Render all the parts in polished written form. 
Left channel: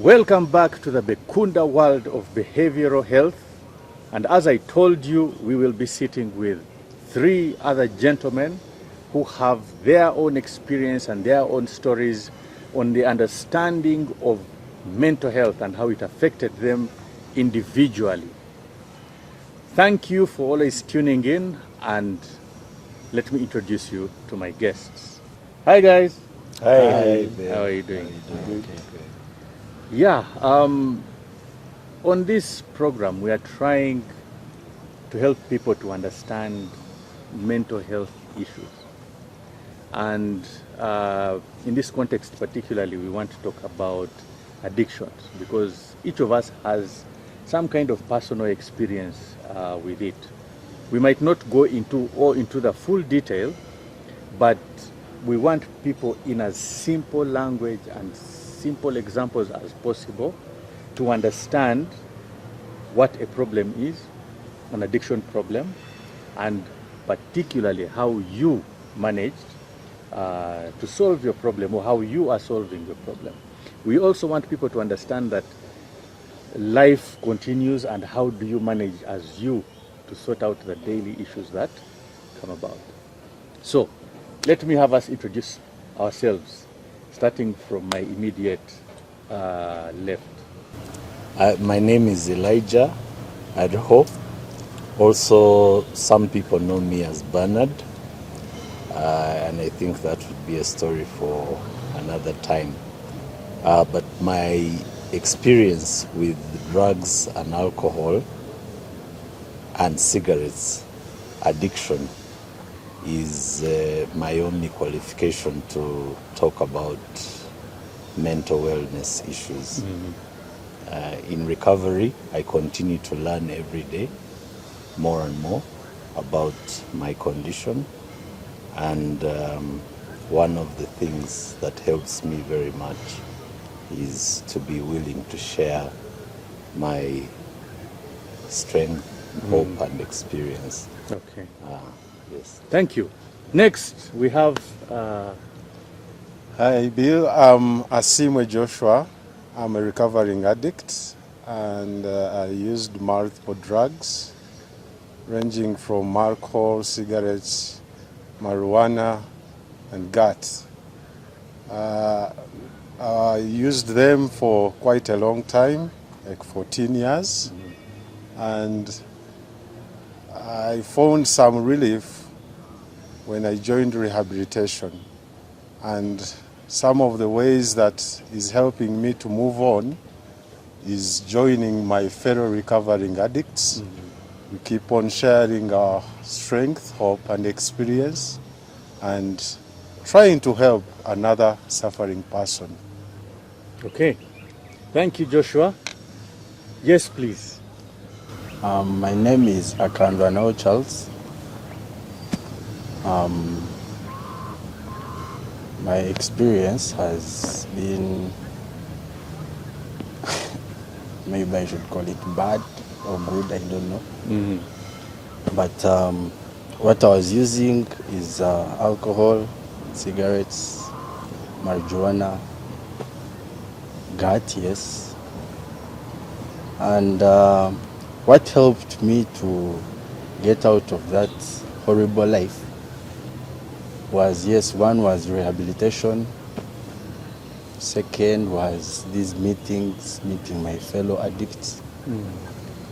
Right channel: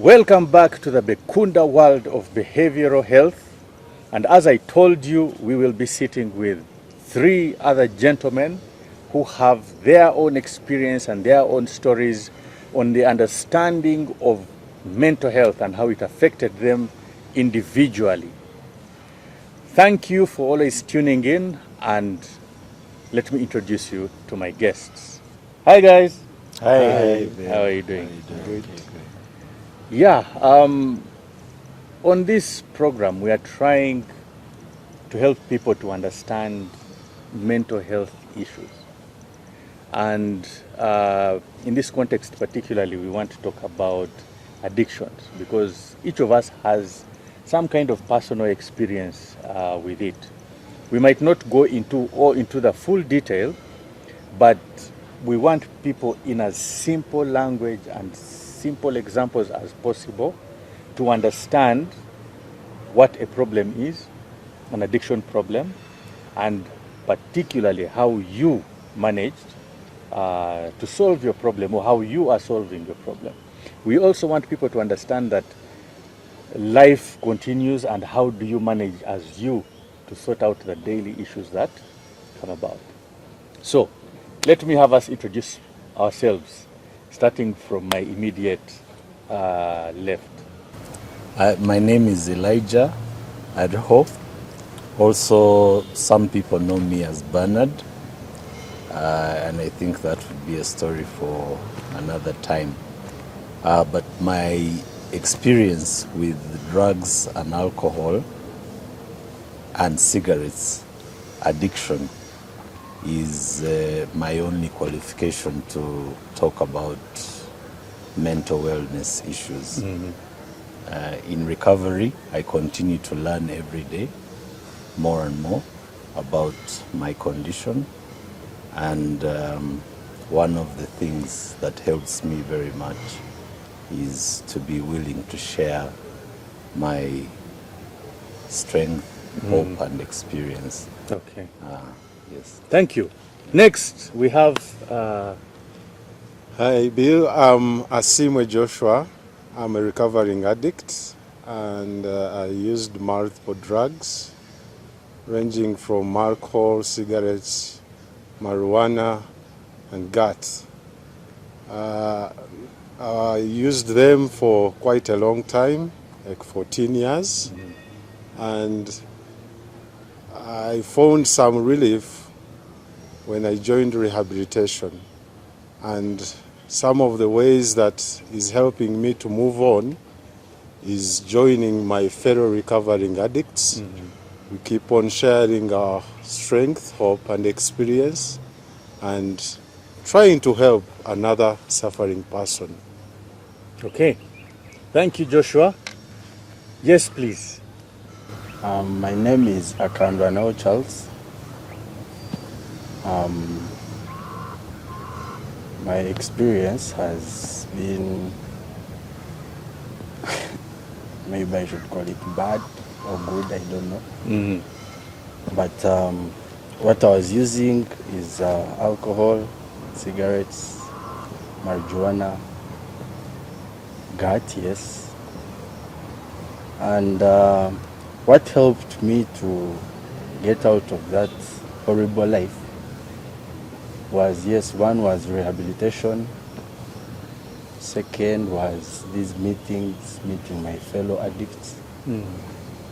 Welcome back to the Bekunda world of behavioral health. And as I told you, we will be sitting with three other gentlemen who have their own experience and their own stories on the understanding of mental health and how it affected them individually. Thank you for always tuning in, and let me introduce you to my guests. Hi guys. Hi. How are you doing? Good. Yeah, on this program, we are trying to help people to understand mental health issues. And in this context, particularly, we want to talk about addictions because each of us has some kind of personal experience with it. We might not go into the full detail, but we want people in as simple language and simple examples as possible to understand what a problem is, an addiction problem, and particularly how you managed to solve your problem or how you are solving your problem. We also want people to understand that life continues and how do you manage as you to sort out the daily issues that come about. So, let me have us introduce ourselves, starting from my immediate left. My name is Elijah Adho. Also, some people know me as Bernard, and I think that would be a story for another time. But my experience with drugs and alcohol and cigarettes addiction is my only qualification to talk about mental wellness issues. In recovery, I continue to learn every day more and more about my condition, and one of the things that helps me very much is to be willing to share my strength, hope, and experience. Okay. Yes. Thank you. Next, we have. Hi, Bill. I'm Asimwe Joshua. I'm a recovering addict, and I used multiple drugs, ranging from alcohol, cigarettes, marijuana, and GAT. I used them for quite a long time, like 14 years, and I found some relief when I joined rehabilitation. And some of the ways that is helping me to move on is joining my fellow recovering addicts. We keep on sharing our strength, hope, and experience, and trying to help another suffering person. Okay. Thank you, Joshua. Yes, please. My name is Akandwanao Charles. My experience has been, maybe I should call it bad or good, I don't know. But what I was using is alcohol, cigarettes, marijuana, GAT, yes. And what helped me to get out of that horrible life was, yes, one was rehabilitation. Second was these meetings, meeting my fellow addicts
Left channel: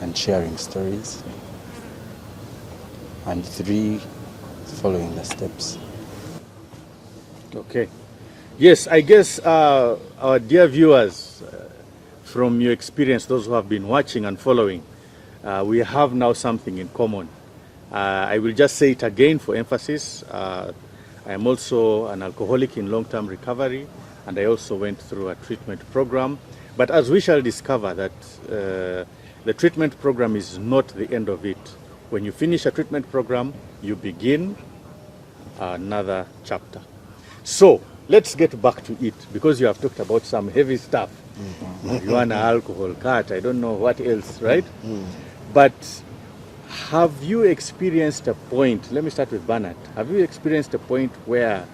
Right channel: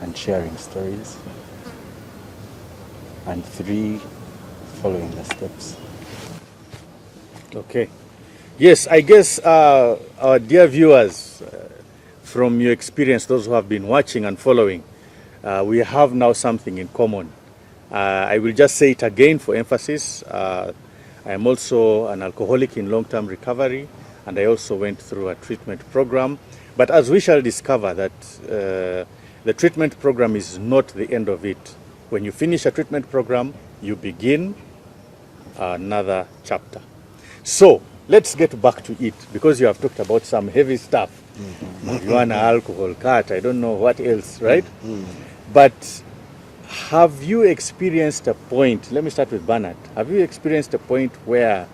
and sharing stories. And 3, following the steps. Okay. Yes, I guess our dear viewers, from your experience, those who have been watching and following, we have now something in common. I will just say it again for emphasis. I am also an alcoholic in long-term recovery, and I also went through a treatment program. But as we shall discover that the treatment program is not the end of it. When you finish a treatment program, you begin another chapter. So let's get back to it, because you have talked about some heavy stuff. Marijuana, alcohol, cat, I don't know what else, right? But have you experienced a point, let me start with Bernard, have you experienced a point where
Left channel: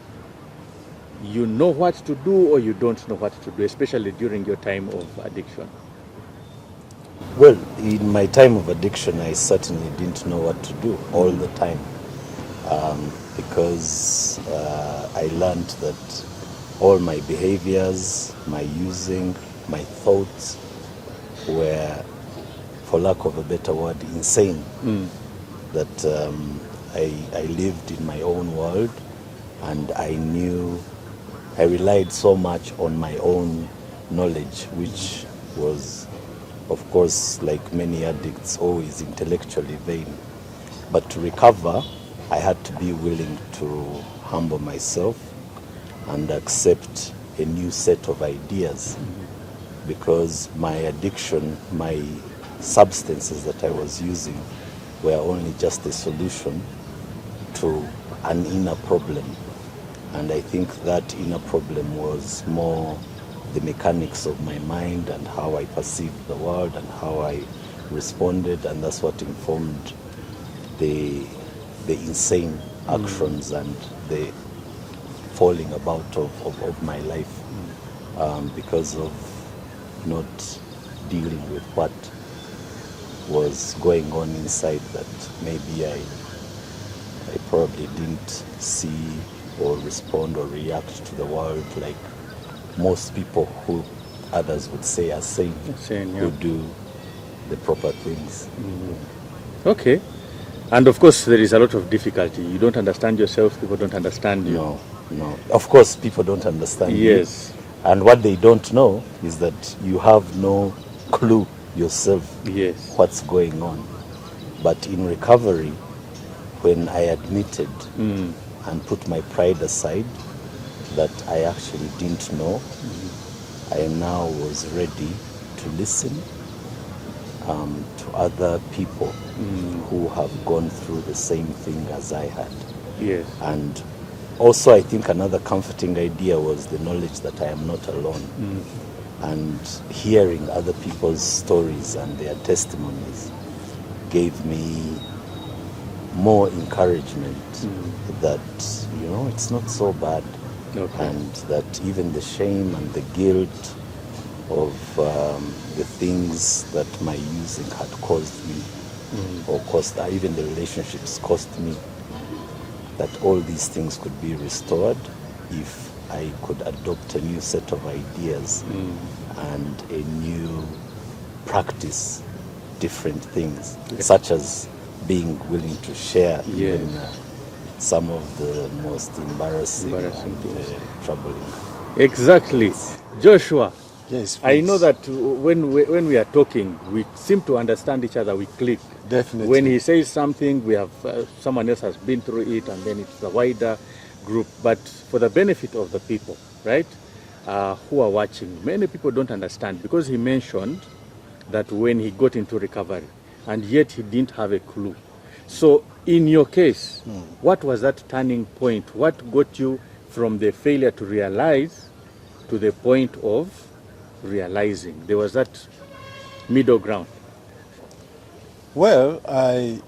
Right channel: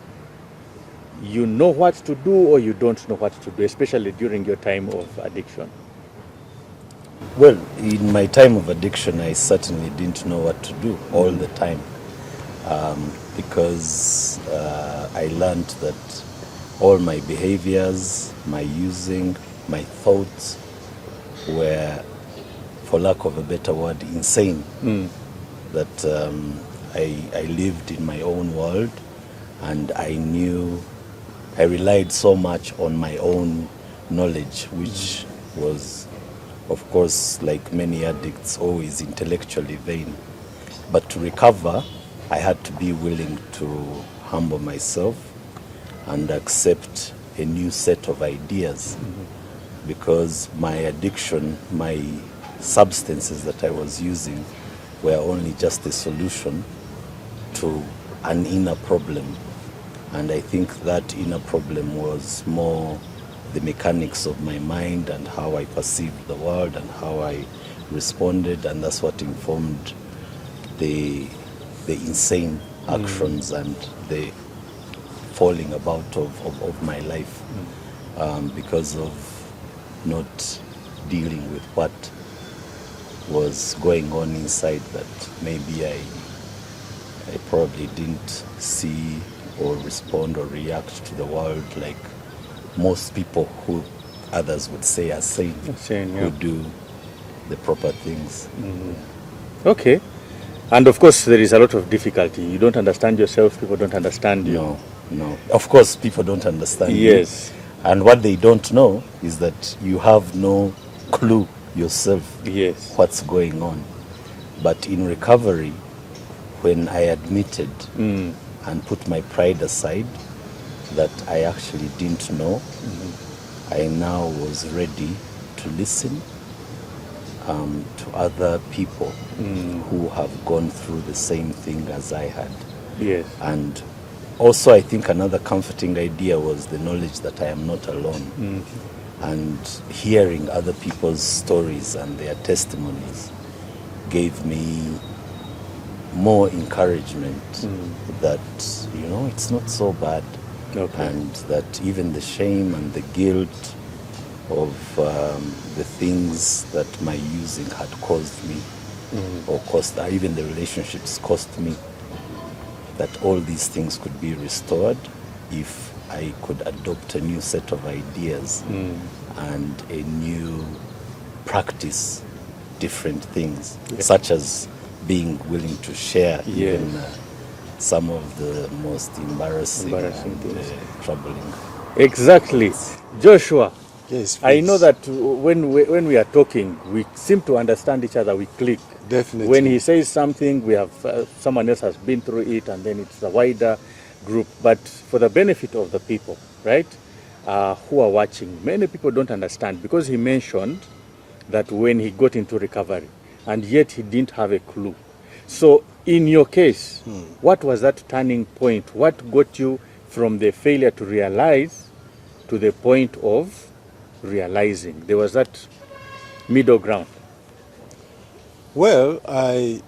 you know what to do or you don't know what to do, especially during your time of addiction? Well, in my time of addiction, I certainly didn't know what to do all the time, because I learned that all my behaviors, my using, my thoughts were, for lack of a better word, insane. That I lived in my own world, and I relied so much on my own knowledge, which was, of course, like many addicts, always intellectually vain. But to recover, I had to be willing to humble myself and accept a new set of ideas, because my addiction, my substances that I was using were only just a solution to an inner problem. And I think that inner problem was more the mechanics of my mind and how I perceived the world and how I responded, and that's what informed the insane actions and the falling about of my life, because of not dealing with what was going on inside that maybe I probably didn't see or respond or react to the world like most people who others would say are sane, who do the proper things. Okay. And of course, there is a lot of difficulty. You don't understand yourself, people don't understand you. No. Of course, people don't understand you. Yes. And what they don't know is that you have no clue yourself Yes. what's going on. But in recovery, when I admitted and put my pride aside that I actually didn't know, I now was ready to listen to other people who have gone through the same thing as I had. Yes. And also, I think another comforting idea was the knowledge that I am not alone. And hearing other people's stories and their testimonies gave me more encouragement that, it's not so bad. Okay. And that even the shame and the guilt of the things that my using had caused me, or even the relationships cost me, that all these things could be restored if I could adopt a new set of ideas and a new practice different things, such as being willing to share even some of the most embarrassing and things. troubling. Exactly. Joshua, Yes, I please. know that when we are talking, we seem to understand each other, we click. Definitely. When he says something, we have someone else has been through it, and then it's a wider group. But for the benefit of the people, right, who are watching, many people don't understand, because he mentioned that when he got into recovery, and yet he didn't have a clue. So in your case, what was that turning point? What got you from the failure to realize to the point of realizing? There was that middle ground. Well, I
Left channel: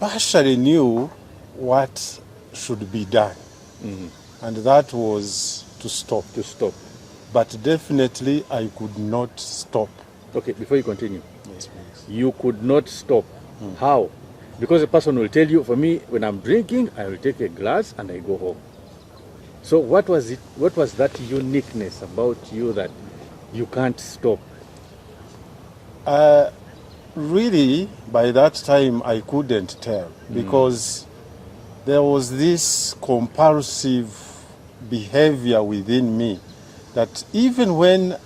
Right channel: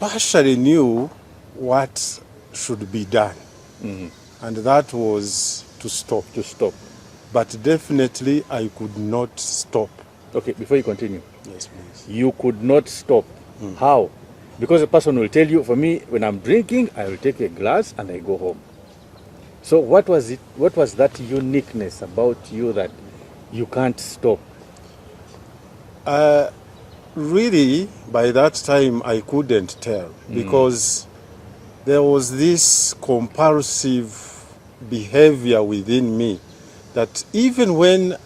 partially knew what should be done, and that was to stop. To stop. But definitely I could not stop. Okay, before you continue, Yes, please. you could not stop. How? Because a person will tell you, for me, when I'm drinking, I will take a glass and I go home. So what was it? What was that uniqueness about you that you can't stop? Really, by that time, I couldn't tell, because there was this compulsive behavior within me that even when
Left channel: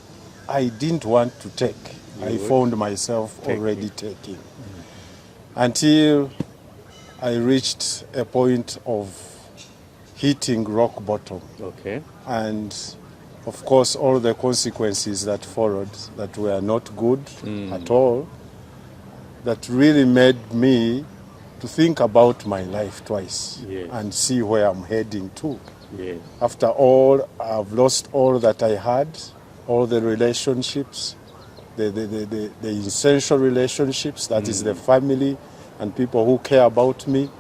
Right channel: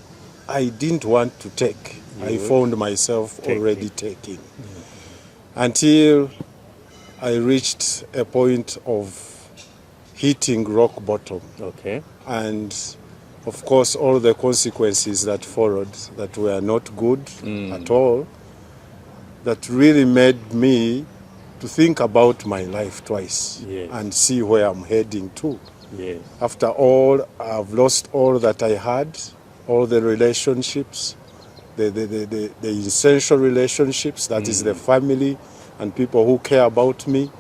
I didn't want to take, I found myself already taking. Until I reached a point of hitting rock bottom. Okay. And of course, all the consequences that followed that were not good at all, that really made me to think about my life twice and see where I'm heading to. Yes. After all, I've lost all that I had, all the relationships, the essential relationships, that is the family and people who care about me.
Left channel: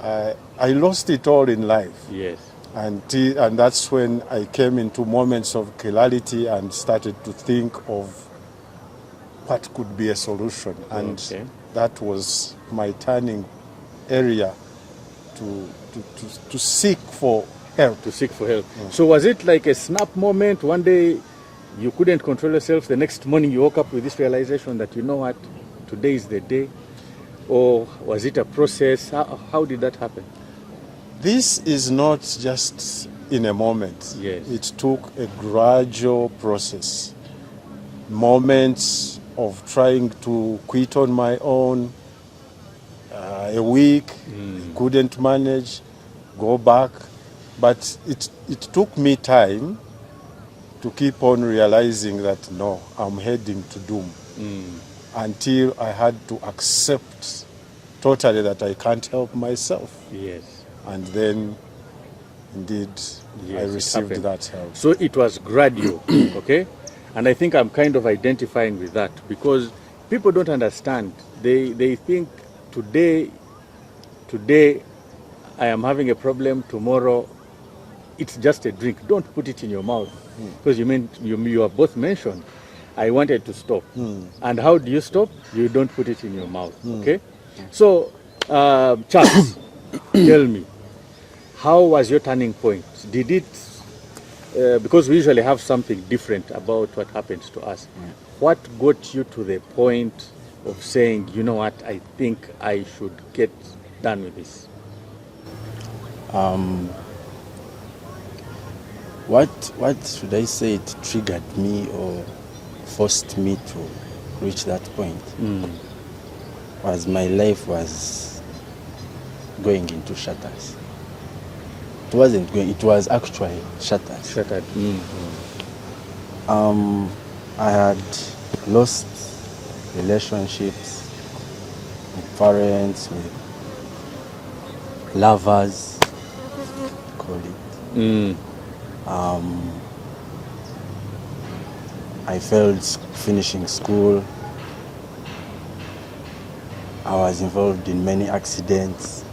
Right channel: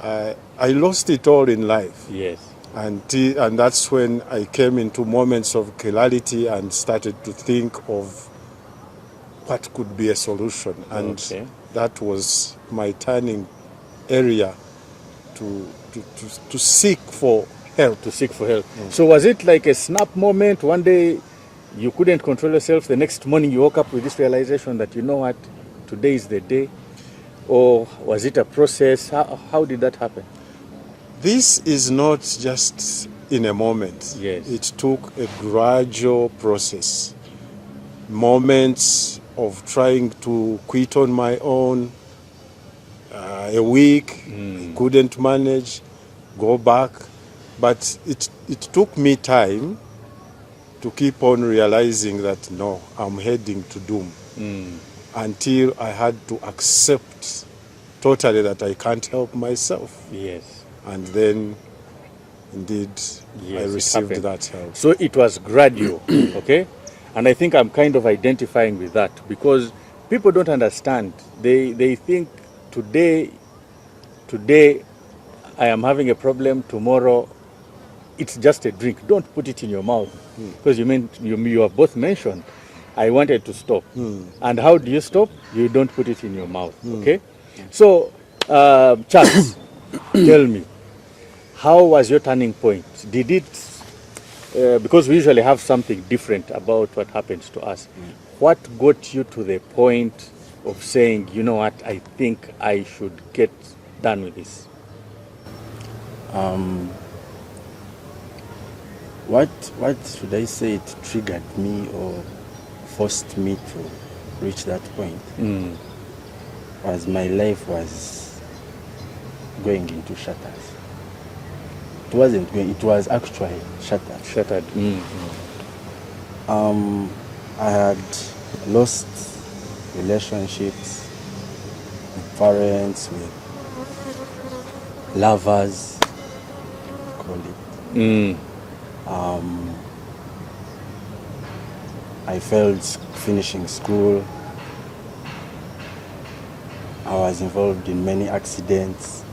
I lost it all in life. Yes. And that's when I came into moments of clarity and started to think of what could be a solution. And Okay. that was my turning area to seek for help. To seek for help. So was it like a snap moment? One day you couldn't control yourself. The next morning you woke up with this realization that, you know what, today is the day? Or was it a process? How did that happen? This is not just in a moment. Yes. It took a gradual process. Moments of trying to quit on my own, a week, couldn't manage, go back. But it took me time to keep on realizing that, no, I'm heading to doom. Until I had to accept totally that I can't help myself. Yes. And then, indeed, I Yes, it received happened. that help. So it was gradual, okay? And I think I'm kind of identifying with that because people don't understand. They think today I am having a problem, tomorrow it's just a drink. Don't put it in your mouth. Because you have both mentioned, I wanted to stop. And how do you stop? You don't put it in your mouth, okay? So, Charles, tell me, how was your turning point? Did it, because we usually have something different about what happens to us. What got you to the point of saying, you know what, I think I should get done with this? What should I say? It triggered me or forced me to reach that point. Was my life was going into shatters. It wasn't going. It was actually shattered. Shattered. I had lost relationships with parents, with lovers, call it. I failed finishing school. I was involved in many accidents,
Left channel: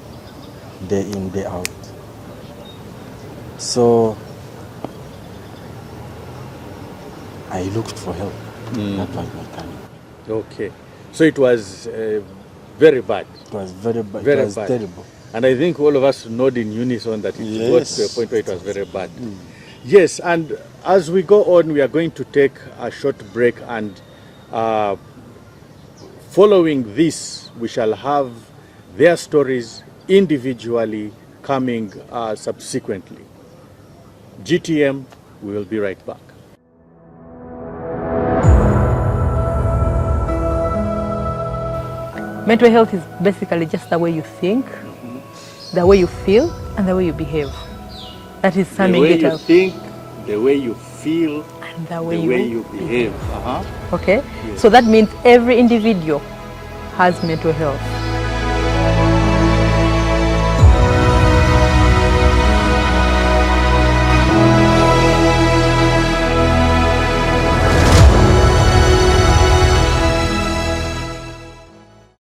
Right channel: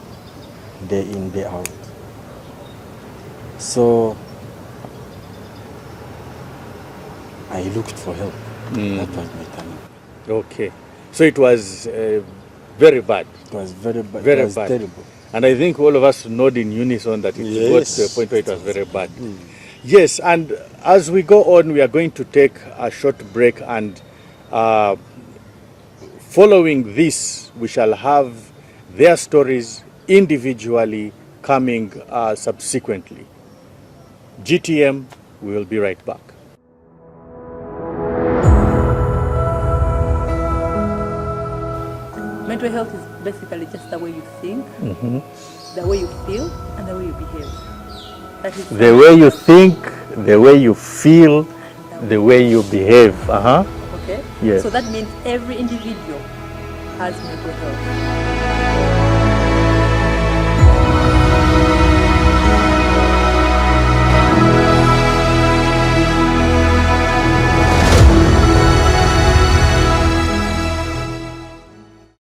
day in, day out. So I looked for help. That was my turning. Okay. So it was very bad. It was very bad. Very It was bad. terrible. And I think all of us nod in unison that it got Yes. to a point where it was very bad. Yes, and as we go on, we are going to take a short break, and following this, we shall have their stories individually coming subsequently. GTM, we will be right back. Mental health is basically just the way you think, the way you feel, and the way you behave. That is The way you think, the way you feel, and the way you behave. Okay? Yes. So that means every individual has mental health.